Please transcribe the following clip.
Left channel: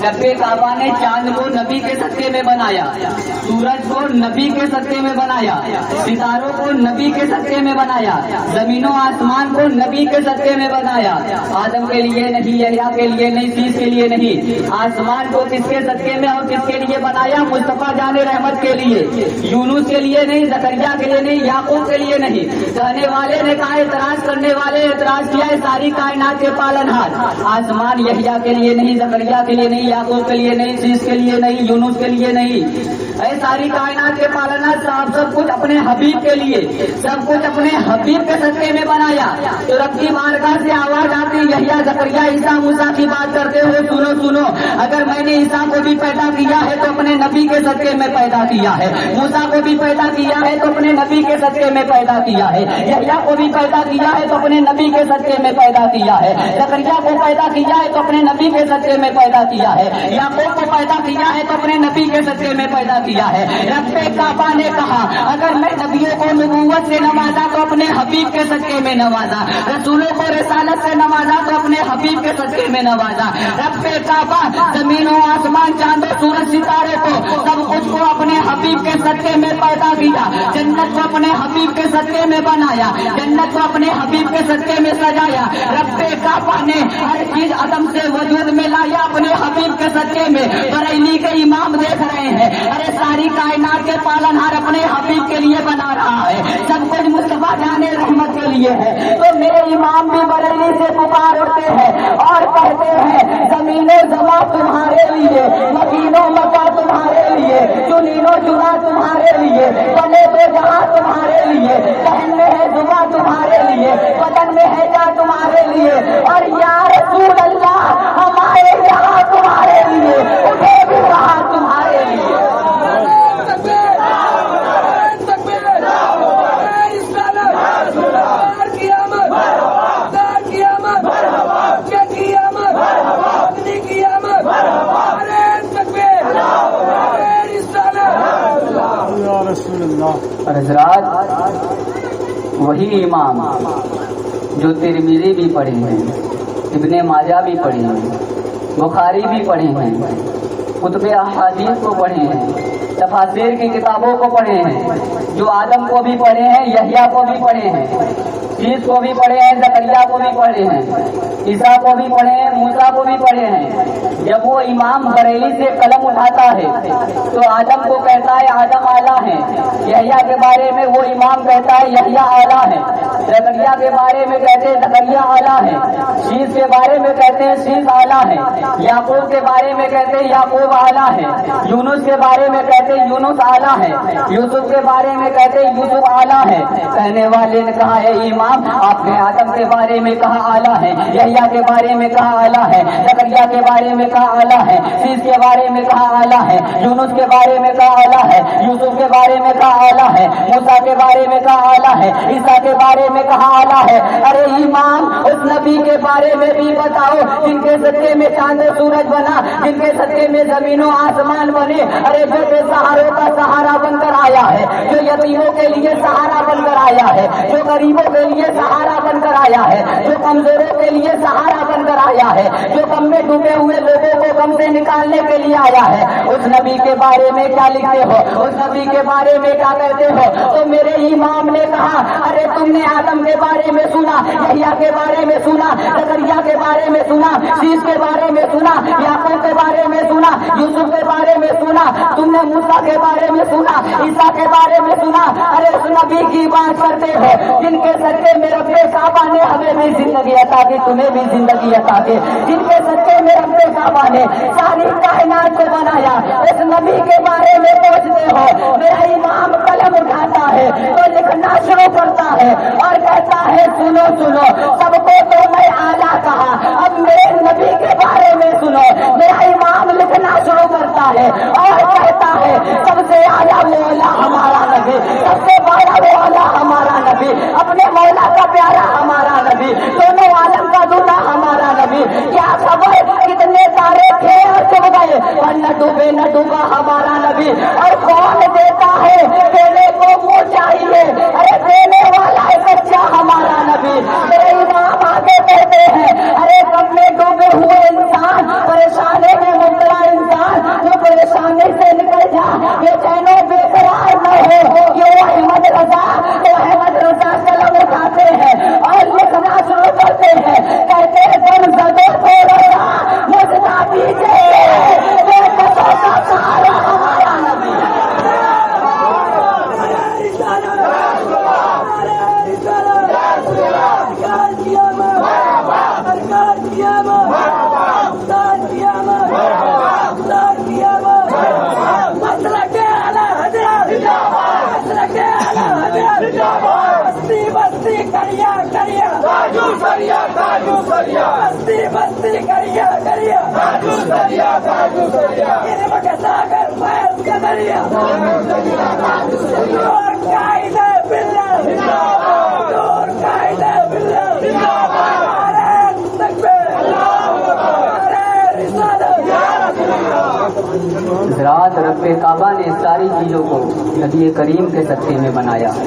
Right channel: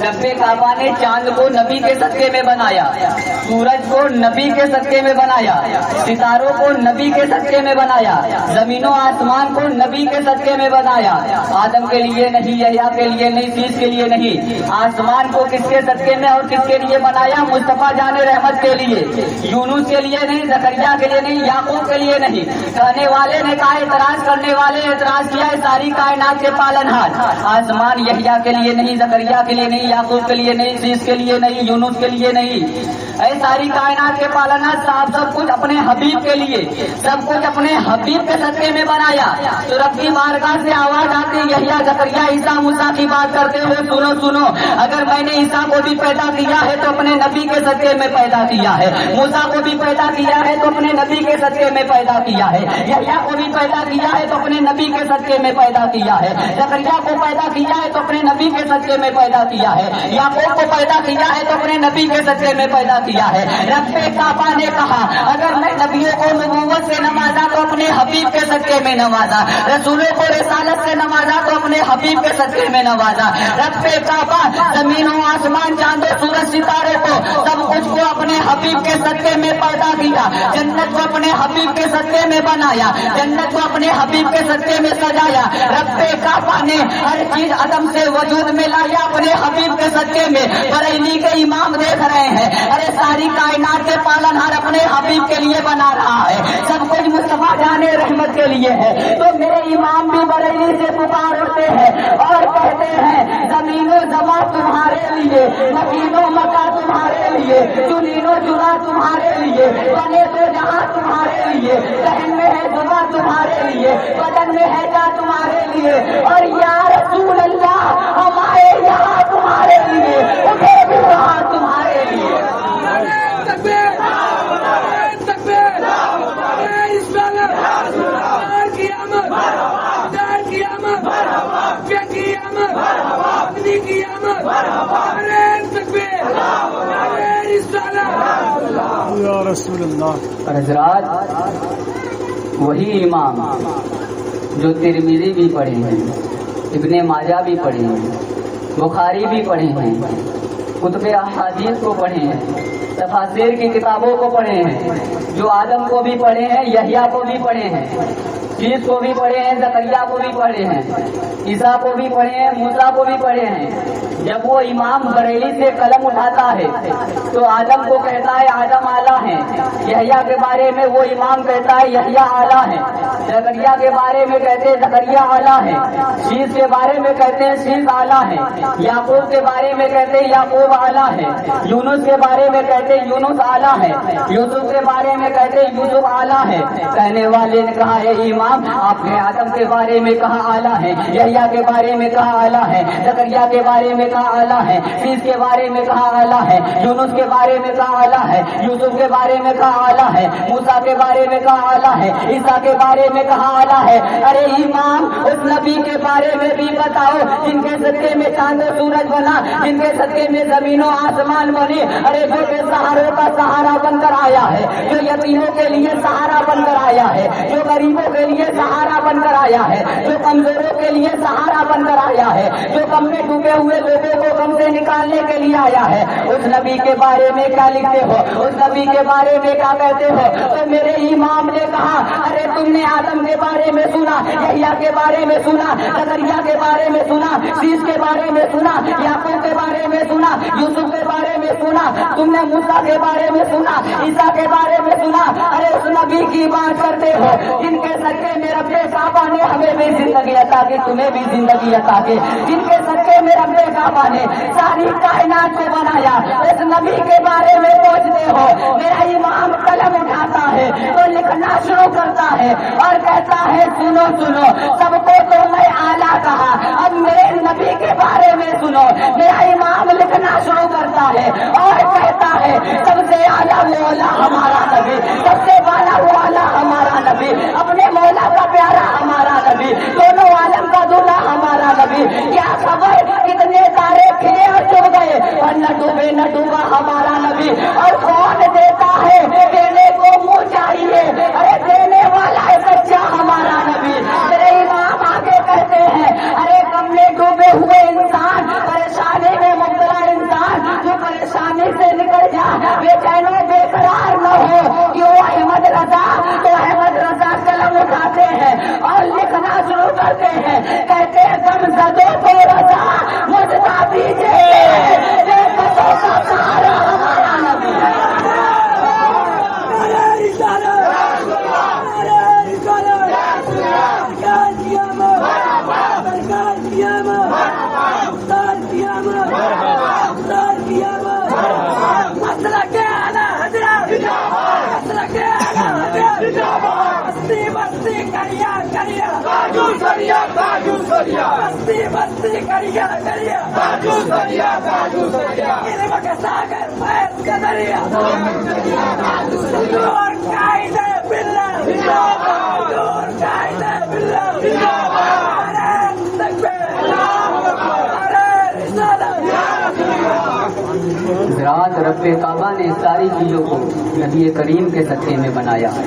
रब्बे काबा ने चांद को नबी के सदके में बनाया, सूरज को नबी के सदके में बनाया, सितारों को नबी के सदके में बनाया, जमीनों आसमान को नबी के सदके में बनाया। आदम के लिए नहीं, यहया के लिए नहीं, शीश के लिए नहीं, आसमान को किसके सदके में और किसके लिए बनाया? मुस्तफा जाने रहमत के लिए। यूनुस के लिए नहीं, जकरिया के लिए नहीं, याकूब के लिए नहीं। कहने वाले ने कहा, एतराज करने वाले एतराज किया, सारी कायनात के पालनहार। आसमान यहया के लिए नहीं, जकरिया के लिए नहीं, याकूब के लिए नहीं, शीश के लिए नहीं, यूनुस के लिए नहीं, ऐ सारी कायनात के पालनहार साहब सब कुछ अपने हबीब के लिए, सब कुछ अपने हबीब के सदके में बनाया। तो रब की बारगाह से आवाज आती, यहया, जकरिया, ईसा, मूसा की बात करते हुए सुनो सुनो, अगर मैंने ईसा को भी पैदा किया है तो अपने नबी के सदके में पैदा किया है, मूसा को भी पैदा किया है तो अपने नबी के सदके में पैदा किया है, यहया को भी पैदा किया है तो अपने नबी के सदके में पैदा किया है, जकरिया को पैदा किया है तो अपने नबी के सदके में पैदा किया है, याकूब को पैदा किया है तो अपने नबी के सदके में पैदा किया है। रब्बे काबा ने कहा, अगर मैं नबियों को नबूवत से नवाजा तो अपने हबीब के सदके में नवाजा, रसूलों को रिसालत से नवाजा तो अपने हबीब के सदके में नवाजा। रब्बे काबा जमीनों, आसमान, चांद, सूरज, सितारे को, सब कुछ को अपने हबीब के सदके में पैदा किया। जन्नत को अपने हबीब के सदके में बनाया, जन्नत को अपने हबीब के सदके में सजाया। रब्बे काबा ने हर चीज अदम से वजूद में लाया अपने हबीब के सदके में। बरेली के इमाम देख रहे हैं, अरे सारी कायनात के पालनहार अपने हबीब के लिए बना रहा है, सब कुछ मुस्तफा जाने रहमत के लिए है। तो मेरे इमाम भी बरेली से पुकार उठते हैं और कहते हैं, जमीने जमा तुम्हारे लिए, मदीनो मक्का तुम्हारे लिए, चुनीनो चुना तुम्हारे लिए, बने तो जहां तुम्हारे लिए, सहन में है जुमा तुम्हारे लिए, बदन में है क्या तुम्हारे लिए, और या रसूल अल्लाह हमारे यहाँ तुम्हारे लिए, उठे भी कहा तुम्हारे लिए। और हजरात, वही इमाम जो तिरमिज़ी भी पढ़े हैं, इब्ने माजा भी पढ़े हैं, बुखारी भी पढ़े हैं, कुतुबे अहादीस को पढ़े हैं, तफासीर की किताबों को पढ़े हैं, जो आदम को भी पढ़े हैं, यहया को भी पढ़े हैं, शीश को भी पढ़े हैं, जकरिया को भी पढ़े हैं, ईसा को भी पढ़े हैं, मूसा को भी पढ़े हैं। जब वो इमाम बरेली से कलम उठाता है तो आदम को कहता है आदम आला है, यहया के बारे में वो इमाम कहता है यहया आला है, जकरिया के बारे में कहते हैं जकरिया आला है, शीश के बारे में कहते हैं शीश आला है, याकूब के बारे में कहते हैं याकूब आला है, यूनुस के बारे में कहते हैं यूनुस आला है, यूसुफ के बारे में कहते हैं यूसुफ आला है। कहने वाले ने कहा है इमाम, आपने आदम के बारे में कहा आला है, यहया के बारे में कहा आला है, जकरिया के बारे में कहा आला है, शीश के बारे में कहा आला है, यूनुस के बारे में कहा आला है, यूसुफ के बारे में कहा आला है, मूसा के बारे में कहा आला है, ईसा के बारे में कहा आला है। अरे इमाम, उस नबी के बारे में भी बताओ जिनके सदके में चांद सूरज बना, जिनके सदके में जमीनों आसमान बने, अरे जो बेसहारों का सहारा बनकर आया है, जो यतीमों के लिए सहारा बनकर आया है, जो गरीबों के लिए सहारा बनकर आया है, जो कमजोरों के लिए सहारा बनकर आया है, जो गम में डूबे हुए लोगों को गम से निकालने के लिए आया है, उस नबी के बारे में क्या लिखते हो, उस नबी के बारे में क्या कहते हो? तो मेरे इमाम ने कहा, अरे तुमने आदम के बारे में सुना, यहया के बारे में सुना, जकरिया के बारे में सुना, शीश के बारे में सुना, याकूब के बारे में सुना, यूसुफ के बारे में सुना, तुमने मूसा के बारे में सुना, ईसा के बारे में सुना। अरे उस नबी की बात करते हो जिनके सदके में रब्बे काबा ने हमें भी जिंदगी अता की, तुम्हें भी जिंदगी अता की, जिनके सदके में रब्बे काबा ने सारी कायनात को बनाया। उस नबी के बारे में पूछते हो, मेरा इमाम कलम उठाता है तो लिखना शुरू करता है और कहता है सुनो सुनो, सबको तो मैं आला कहा, अब मेरे नबी के बारे में सुनो। मेरा इमाम लिखना शुरू करता है और कहता है सबसे आला वो अल्लाह हमारा नबी, सबसे बड़ा वो अल्लाह हमारा नबी, अपने मौला का प्यारा हमारा नबी, दोनों आलम का दूल्हा हमारा नबी। क्या खबर कितने तारे थे और डूब गए, और न डूबे न डूबा हमारा नबी। और कौन देता है, देने को मुँह चाहिए, अरे देने वाला है सच्चा हमारा नबी। मेरे इमाम आगे कहते हैं, अरे कब में डूबे हुए इंसान परेशानी में मुब्तला رضا تو احمد رضا قلم اٹھاتے ہیں اور لکھنا شروع کرتے ہیں، کہتے ہیں دم زدو تو رضا مجھنا پیچھے بے بسوں کا سہارا ہمارا نبی ہے۔ رات رب کعبہ نے ساری چیزوں کو نبی کریم کے صدقے میں بنایا ہے۔